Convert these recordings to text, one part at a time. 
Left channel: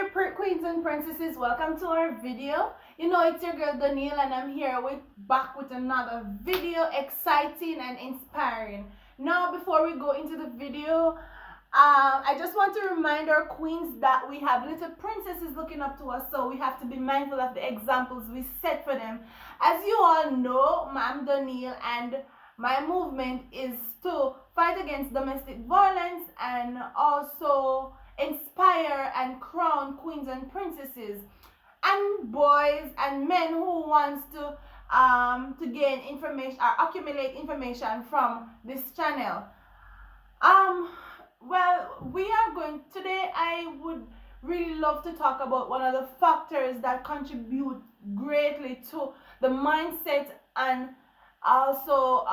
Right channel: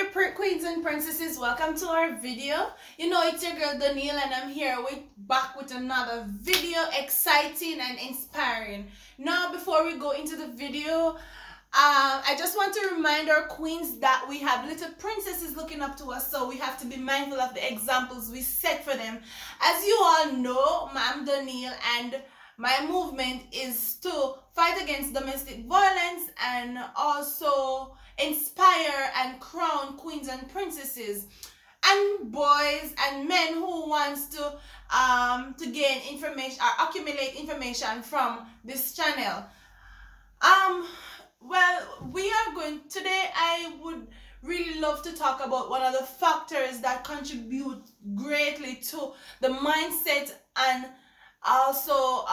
there, queens and princesses. Welcome to our video. You know, it's your girl Danielle, and I'm here back with another video, exciting and inspiring. Now, before we go into the video, I just want to remind our queens that we have little princesses looking up to us, so we have to be mindful of the examples we set for them. As you all know, I'm Danielle, and my movement is to fight against domestic violence and also inspire and crown queens and princesses and boys and men who wants to gain information or accumulate information from this channel. Well, we are going today. I would really love to talk about one of the factors that contribute greatly to the mindset and also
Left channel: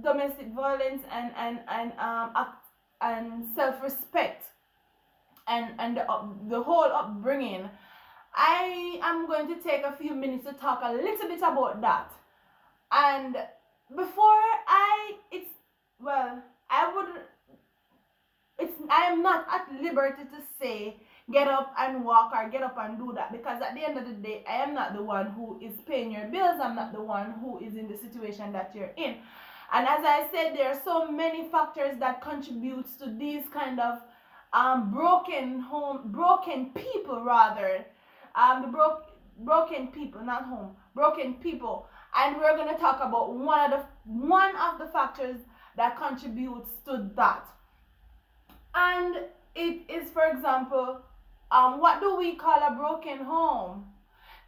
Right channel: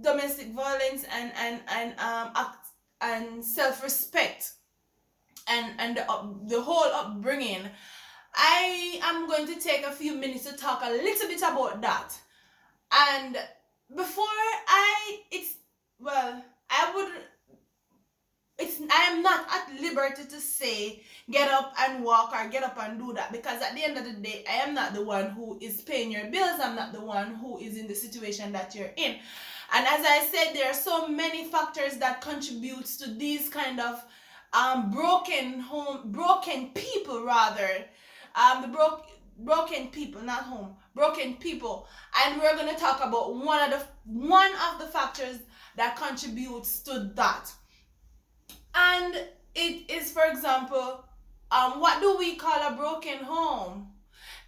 domestic violence and self-respect and the whole upbringing. I am going to take a few minutes to talk a little bit about that. And before I am not at liberty to say get up and walk or get up and do that, because at the end of the day, I am not the one who is paying your bills. I'm not the one who is in the situation that you're in. And as I said, there are so many factors that contributes to these kind of broken people rather. Broken people, not home, broken people. And we're going to talk about one of the factors that contributes to that. And it is, for example, what do we call a broken home?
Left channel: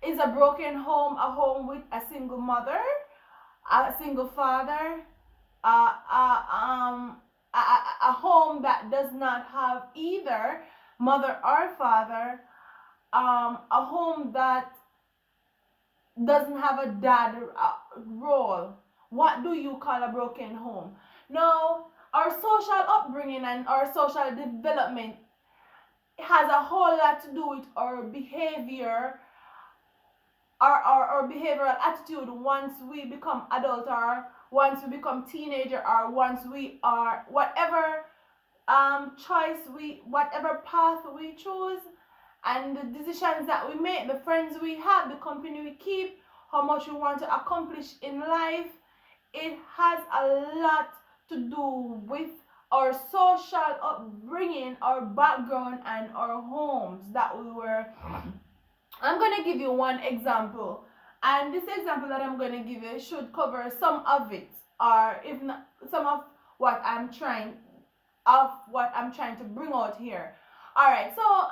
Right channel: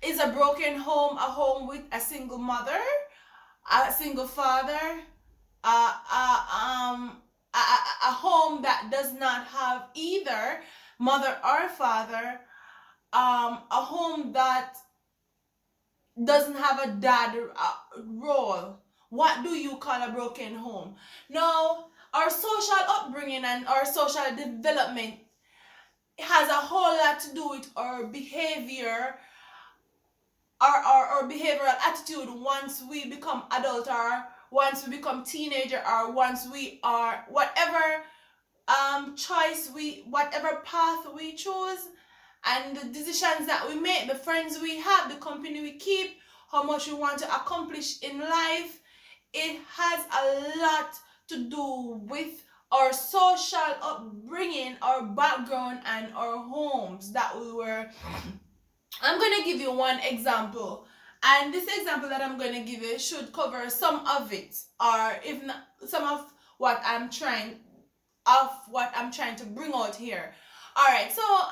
Is a broken home a home with a single mother, a single father, a home that does not have either mother or father, a home that doesn't have a dad role? What do you call a broken home? Now, our social upbringing and our social development has a whole lot to do with our behavior, our behavioral attitude once we become adult, or once we become teenager, or once we are whatever whatever path we choose, and the decisions that we make, the friends we have, the company we keep, how much we want to accomplish in life. It has a lot to do with our social upbringing, our background, and our homes that we were. I'm going to give you one example, and this example that I'm going to give you should cover some of it, or if not some of what I'm trying to bring out here. All right, so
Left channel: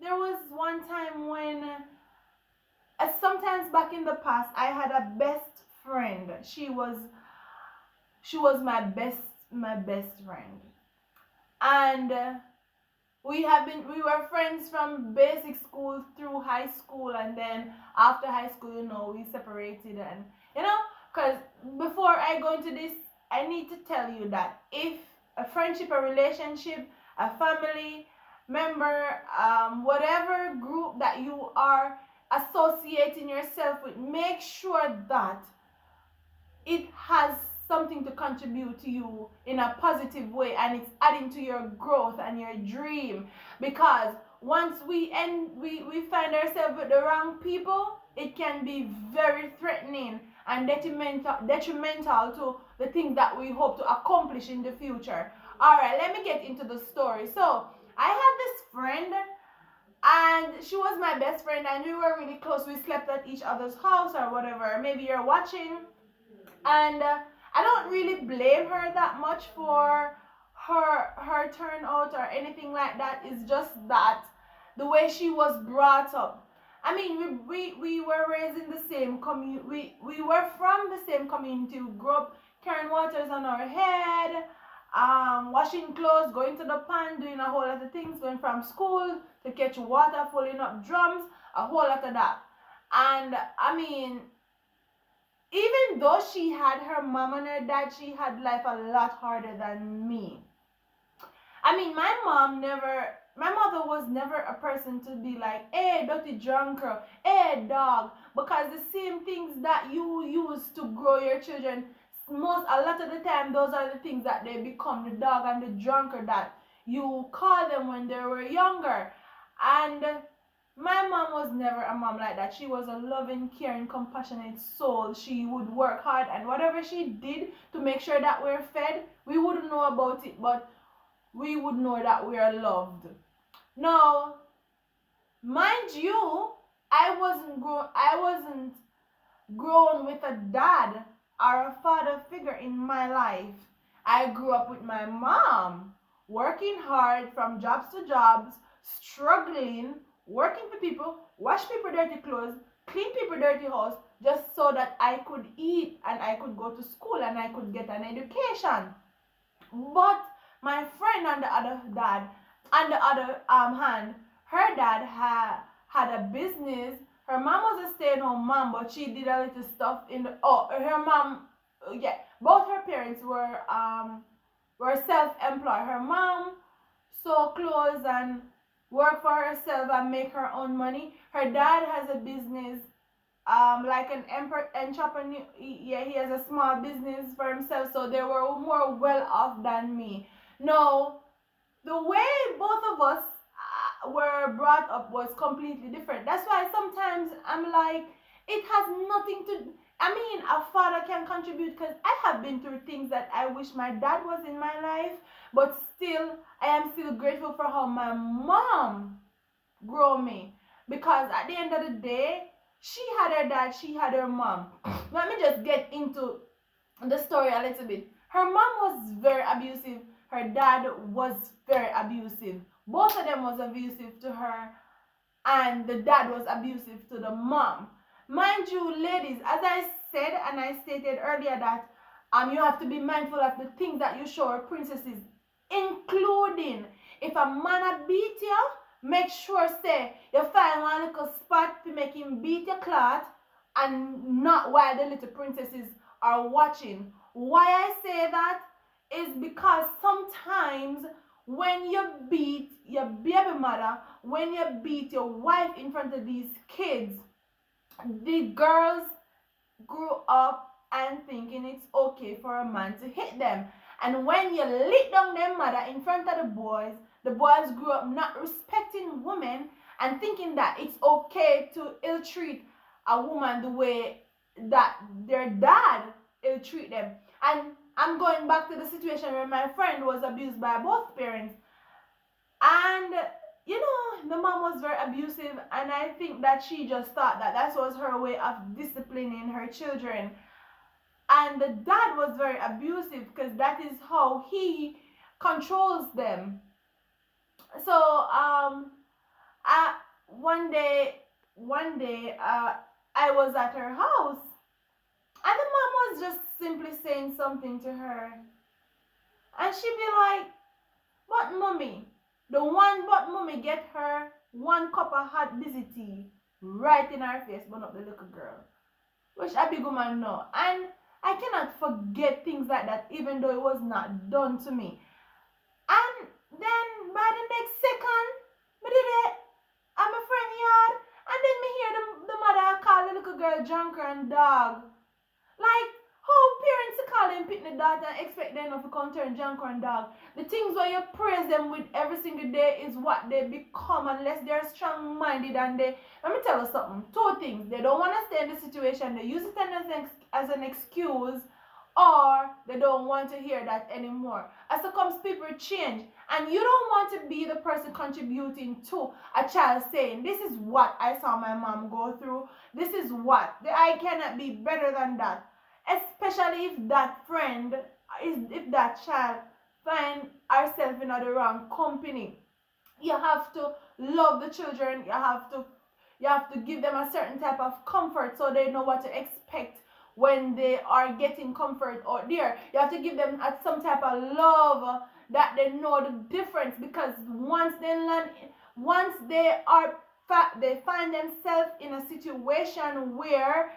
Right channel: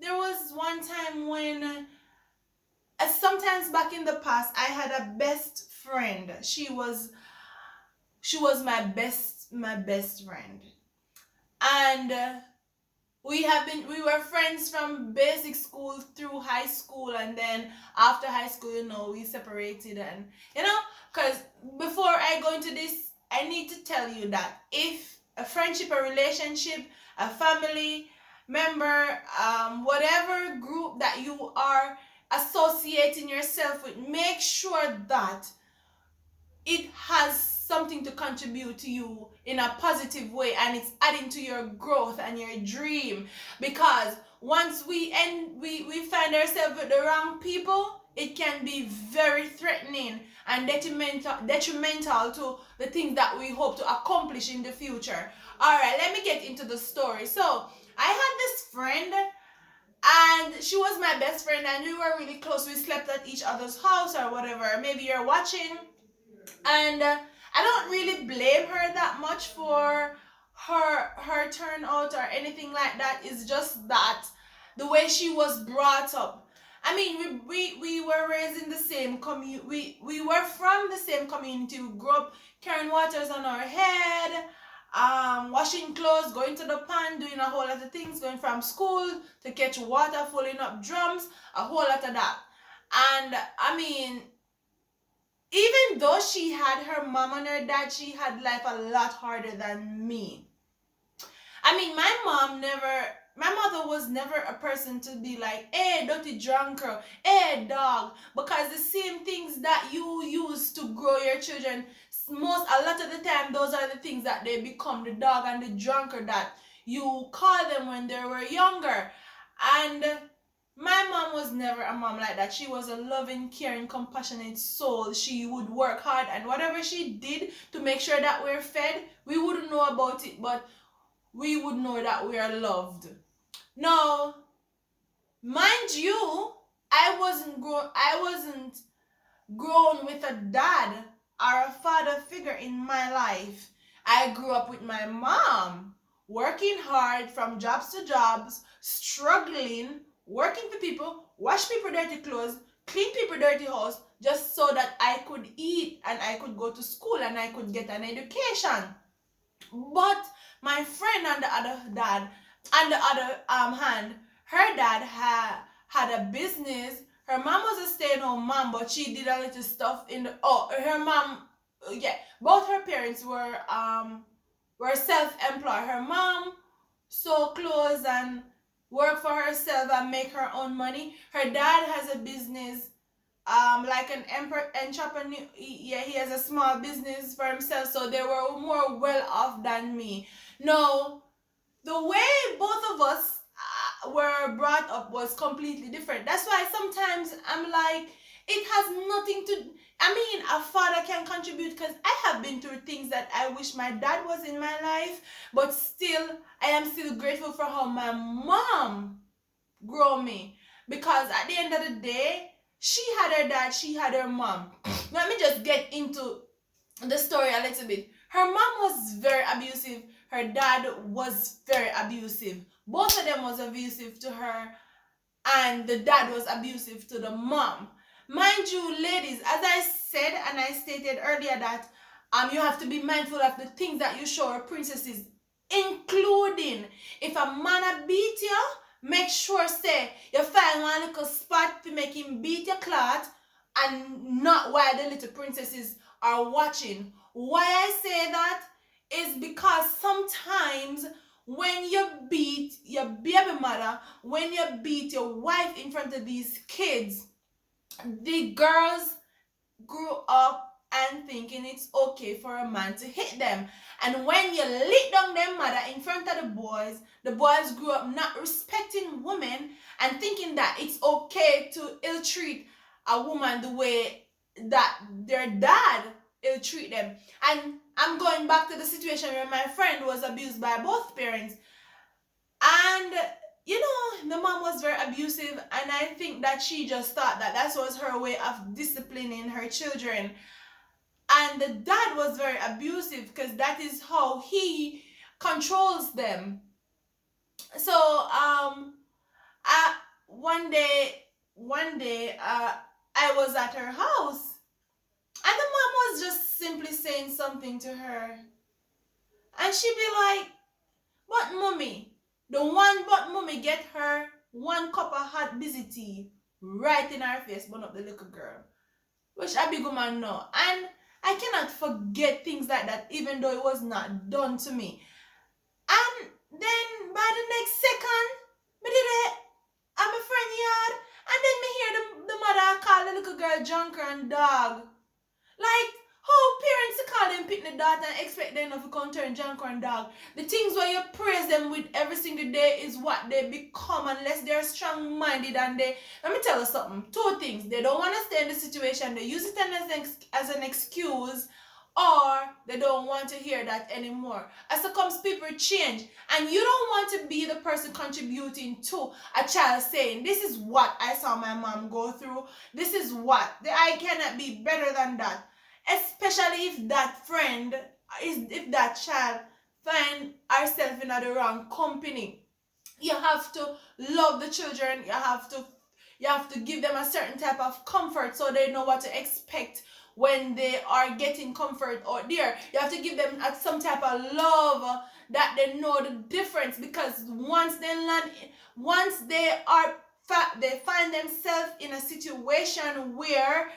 there was one time when sometimes back in the past, I had a best friend. She was my best friend, and we were friends from basic school through high school, and then after high school, we separated. And because before I go into this, I need to tell you that if a friendship, a relationship, a family member, whatever group that you are associating yourself with, make sure that it has something to contribute to you in a positive way, and it's adding to your growth and your dream. Because once we find ourselves with the wrong people, it can be very threatening and detrimental to the things that we hope to accomplish in the future. All right, let me get into the story. So I had this friend, and she was my best friend, and we were really close. We slept at each other's house or whatever. Maybe you're watching. And I don't really blame her that much for her turnout or anything like that. It's just that the way she was brought up. I mean, we were raised in the same community. We were from the same community. We grew up carrying waters on our head, washing clothes, going to the pond, doing a whole lot of things, going from school to catch water, filling up drums, a whole lot of that. And I mean, even though she had her mom and her dad, she had life a lot harder than me. I mean, my mother was never a person to be like, hey, dirty drunk girl, hey, dog. Because the same things that you use to grow your children, a lot of the time, those are the things that they become, the dog and the drunkard that you call them when they were younger. And my mom was never a mom like that. She was a loving, caring, compassionate soul. She would work hard, and whatever she did to make sure that we're fed, we wouldn't know about it, but we would know that we are loved. Now, mind you, I wasn't grown with a dad or a father figure in my life. I grew up with my mom, working hard from jobs to jobs, struggling, working for people, wash people dirty clothes, clean people dirty house, just so that I could eat and I could go to school and I could get an education. But my friend on the other dad, on the other hand, her dad had a business. Her mom was a stay-at-home mom, but she did a little stuff in the her mom, yeah. Both her parents were self-employed. Her mom sew clothes and work for herself and make her own money. Her dad has a business, like an entrepreneur. Yeah, he has a small business for himself, so they were more well off than me. No, the way both of us were brought up was completely different. That's why sometimes I'm like, it has nothing to. I mean, a father can contribute because I have been through things that I wish my dad was in my life, but still, I am still grateful for how my mom grow me, because at the end of the day, she had her dad, she had her mom. Let me just get into the story a little bit. Her mom was very abusive, her dad was very abusive. Both of them was abusive to her, and the dad was abusive to the mom. Mind you, ladies, as I said and I stated earlier, that you have to be mindful of the things that you show our princesses, including if a man a beat you, make sure say you find one little spot to make him beat your clot, and not while the little princesses are watching. Why I say that is because sometimes when you beat your baby mother, when you beat your wife in front of these kids, the girls grew up and thinking it's okay for a man to hit them. And when you lit down their mother in front of the boys grew up not respecting women and thinking that it's okay to ill treat a woman the way that their dad ill treat them. And I'm going back to the situation where my friend was abused by both parents. And the mom was very abusive, and I think that she just thought that was her way of disciplining her children. And the dad was very abusive because that is how he controls them. So I, one day I was at her house, and the mom was just simply saying something to her, and she'd be like, "But mommy," but mommy get her one cup of hot busy tea right in her face, burn up the little girl. Which a big woman know. And I cannot forget things like that, even though it was not done to me. And then by the next second, me did it at my friend yard, and then me hear the mother call the little girl junker and dog. Like, how parents call them pitney daughter and expect them to come turn junker and dog. The things where you praise them with every single day is what they become, unless they're strong-minded. And let me tell you something, two things: they don't want to stay in the situation, they use it as an excuse, or they don't want to hear that anymore. As it comes, people change, and you don't want to be the person contributing to a child saying, "This is what I saw my mom go through, this is what I cannot be better than that." Especially if that child find herself in the wrong company. You have to love the children. You have to give them a certain type of comfort so they know what to expect when they are getting comfort out there. You have to give them some type of love that they know the difference, because once they find themselves in a situation where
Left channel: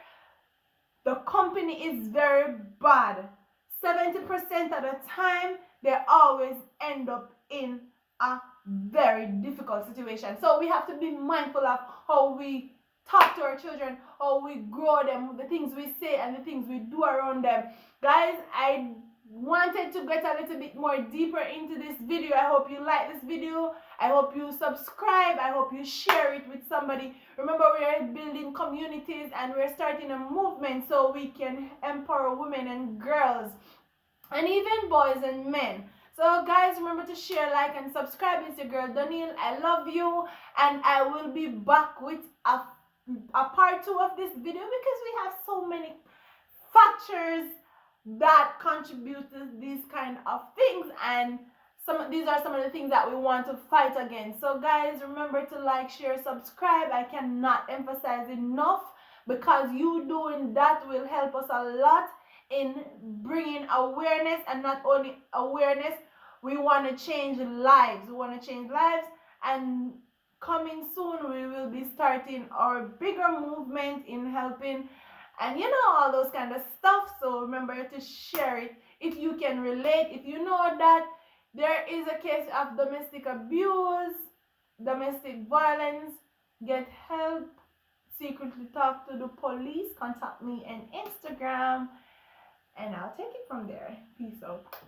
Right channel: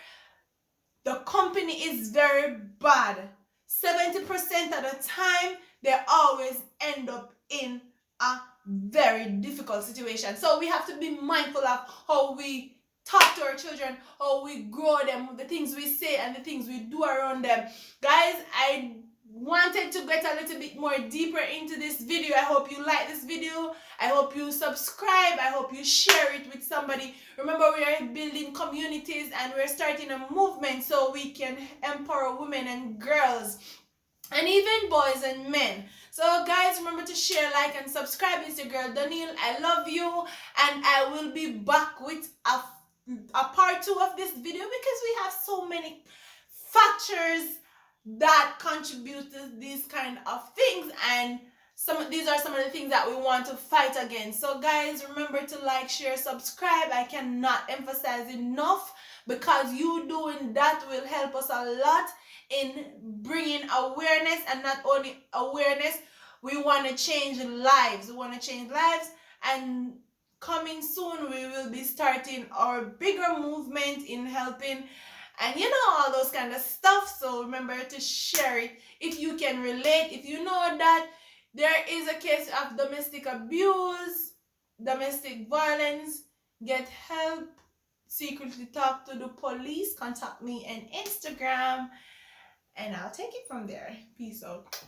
the company is very bad, 70% of the time they always end up in a very difficult situation. So we have to be mindful of how we talk to our children, how we grow them, the things we say and the things we do around them. Guys, I wanted to get a little bit more deeper into this video. I hope you like this video. I hope you subscribe. I hope you share it with somebody. Remember, we are building communities and we're starting a movement so we can empower women and girls and even boys and men. So guys, remember to share, like, and subscribe. It's your girl Danielle. I love you, and I will be back with a part 2 of this video because we have so many factors that contribute to these kind of things, and these are some of the things that we want to fight against. So guys, remember to like, share, subscribe. I cannot emphasize enough, because you doing that will help us a lot in bringing awareness. And not only awareness, we want to change lives. And coming soon we will be starting our bigger movement in helping, and all those kind of stuff. So remember to share it if you can relate. If you know that there is a case of domestic abuse, domestic violence, get help. Secretly talk to the police. Contact me on Instagram, and I'll take it from there. Peace out.